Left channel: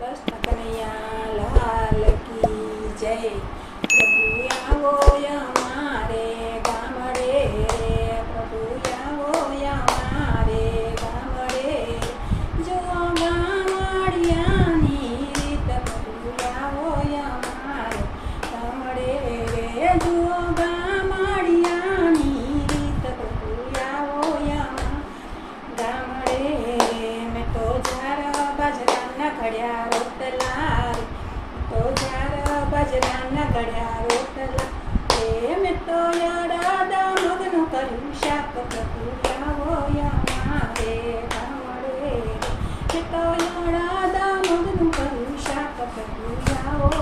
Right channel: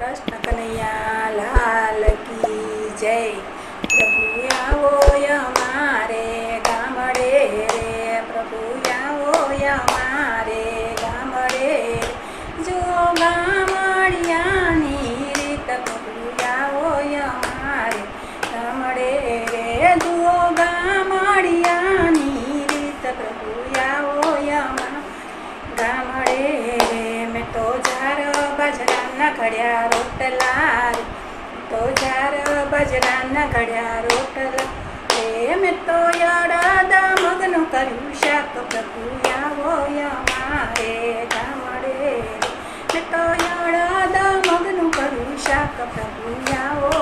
कृष्ण कन्हैया लाल की जय। प्रभु आवो અમારે ગામડે રે, પ્રભુ આવો અમારે ગામડે જો ગામડિયાની રીત, પ્રભુ આવો અમારે ગામડે રે, જો ગામડિયાની રીત, પ્રભુ આવો ગામડે રે। મેં તો જાર બાજરાના ઘડ્યા રોટલા રે, તો જાર બાજરાના ઘડ્યા રોટલા રે, મેં તો અડદ મગનું કર્યું શાક, પ્રભુ આવો અમારે ગામડે રે, મેં તો અડદ મગનું કર્યું શાક, પ્રભુ આવો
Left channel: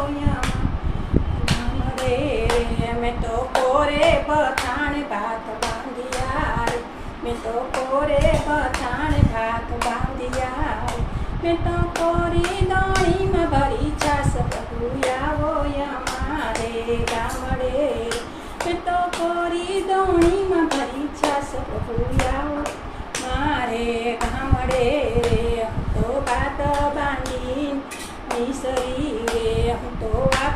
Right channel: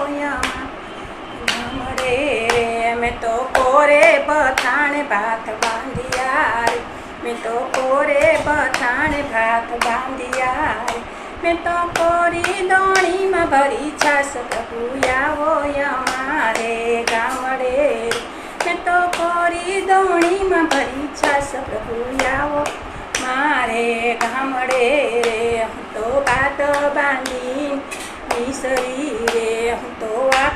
ગામડે રે। મેં તો કોરે બથાણે ભાત બાંધ્યા રે, મેં તો કોરે બથાણે ભાત બાંધ્યા રે, મેં તો કોરી દોણીમાં ભરી છાસ, પ્રભુ આવો અમારે ગામડે રે, મેં તો કોરી દોણીમાં ભરી છાસ, પ્રભુ આવો મારે ગામડે રે। હું તો ભાત બાંધી નિસરી રે, હું તો વાત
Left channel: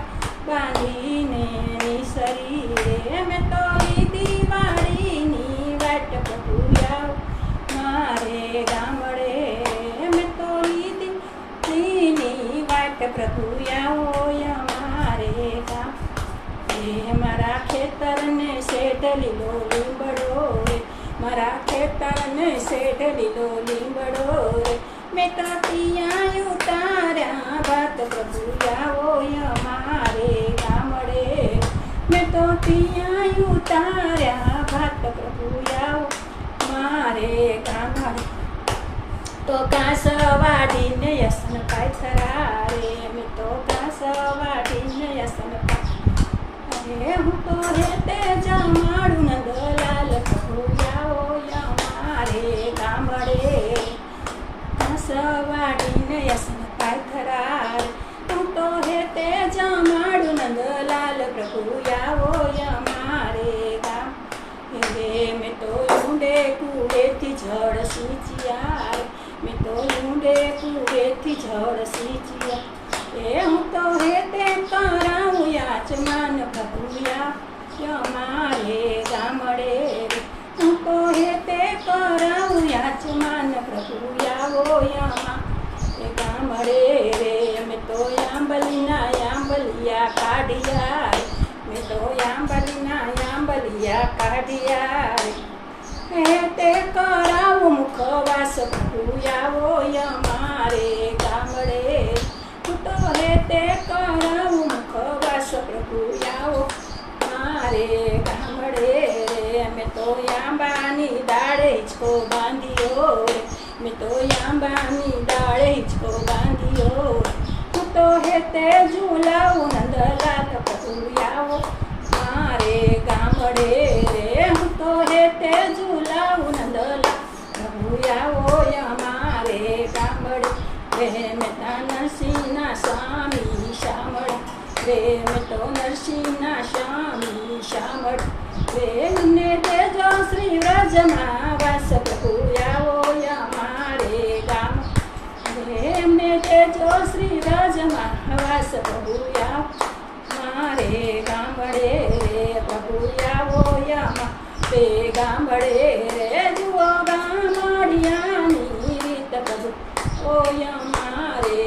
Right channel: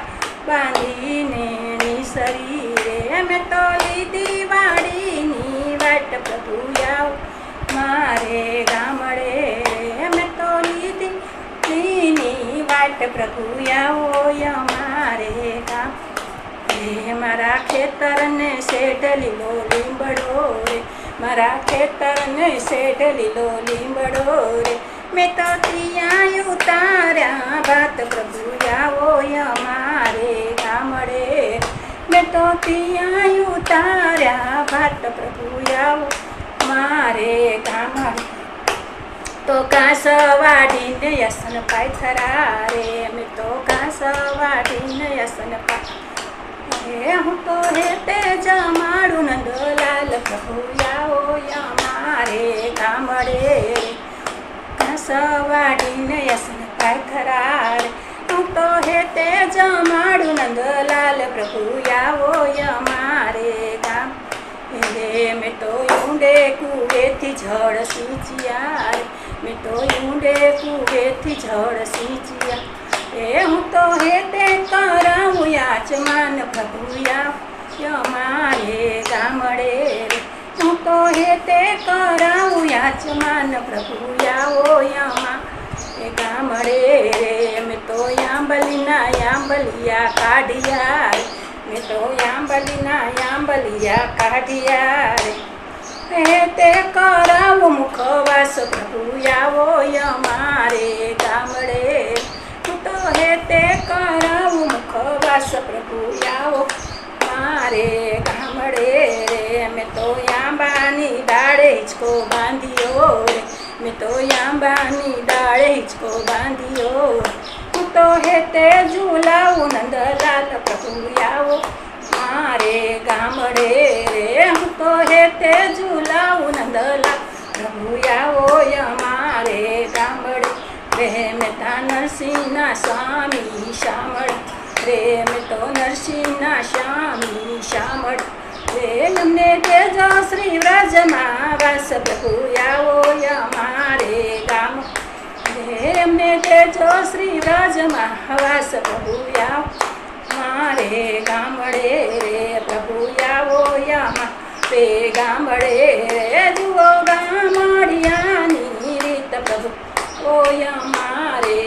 બાંધીને નિસરી રે, મેં તો લીધી વાડીની વાટ, પ્રભુ આવો મારે ગામડે રે, મેં તો લીધી વાટ, પ્રભુ આવો અમારે ગામ રે। મારા ખેતરને શેઢ લીલો લીંબડો રે, મારા ખેતરને શેઢ લીલો લીંબડો રે, મેં તો ત્યાં ઉતાર્યા ભાત, પ્રભુ આવો અમારે ગામડે રે, મેં તો ત્યાં ઉતાર્યા ભાત, પ્રભુ આવો મારે ગામડે। તો ઘાસ વાઢીને યસન પાથરા રે, મેં તો ઘાસ વાઢીને યસન પાથરા, હું તો હેતે જમાડું નંદલાલ, પ્રભુ આવો અમારે ગામડે રે, ઘાસ વાઢીને યસન પાથરા રે, હું તો હેતે જમાડું નંદલાલ, પ્રભુ આવો અમારે ગામ રે। મેં તો ઊંડે કુવેથી જળ સિંચ્યા રે, મેં તો ઊંડે કુવેથી જળ સિંચ્યા રે, હું તો હેતે કરાવું યાચમાન, પ્રભુ આવો અમારે ગામડે રે, હું તો હેતે કરાવું યાચમાન, પ્રભુ આવો અમારે ગામડે રે। મેં તો આંબલિયા કાઢ્યા રે, મેં તો આંબલિયા કાઢ્યા રે, તે કરાવું મુખવાસ, પ્રભુ આવો અમારે ગામડે રે, હું તો હેતે કરાવું મુખવાસ, પ્રભુ આવો મારે ગામડે રે। મેં તો આંબાની ડાળે હિંચકો બાંધ્યો રે, મેં તો આંબાની ડાળે હિંચકો બાંધ્યો, હું તો હેતે ઝૂલાવું નંદલાલ, પ્રભુ આવો મારે ગામડે રે, હું તો હેતે ઝૂલાવું નંદલાલ, પ્રભુ આવો અમારે ગામડે રે। મેં તા નરસિંહના સ્વામી શામળ રે, મેં તો નરસિંહના સ્વામી શામળ રે, અમને દેજો શ્રી વ્રજમાં વાસ, પ્રભુ આવો અમારે ગામ રે, અમને દેજો શ્રી વ્રજમાં વાસ, પ્રભુ આવો મારે ગામડે રે, પ્રભુ આવો અમારે ગામડે રે, જુઓ ગામડિયાની રીત, પ્રભુ ઓ અમારે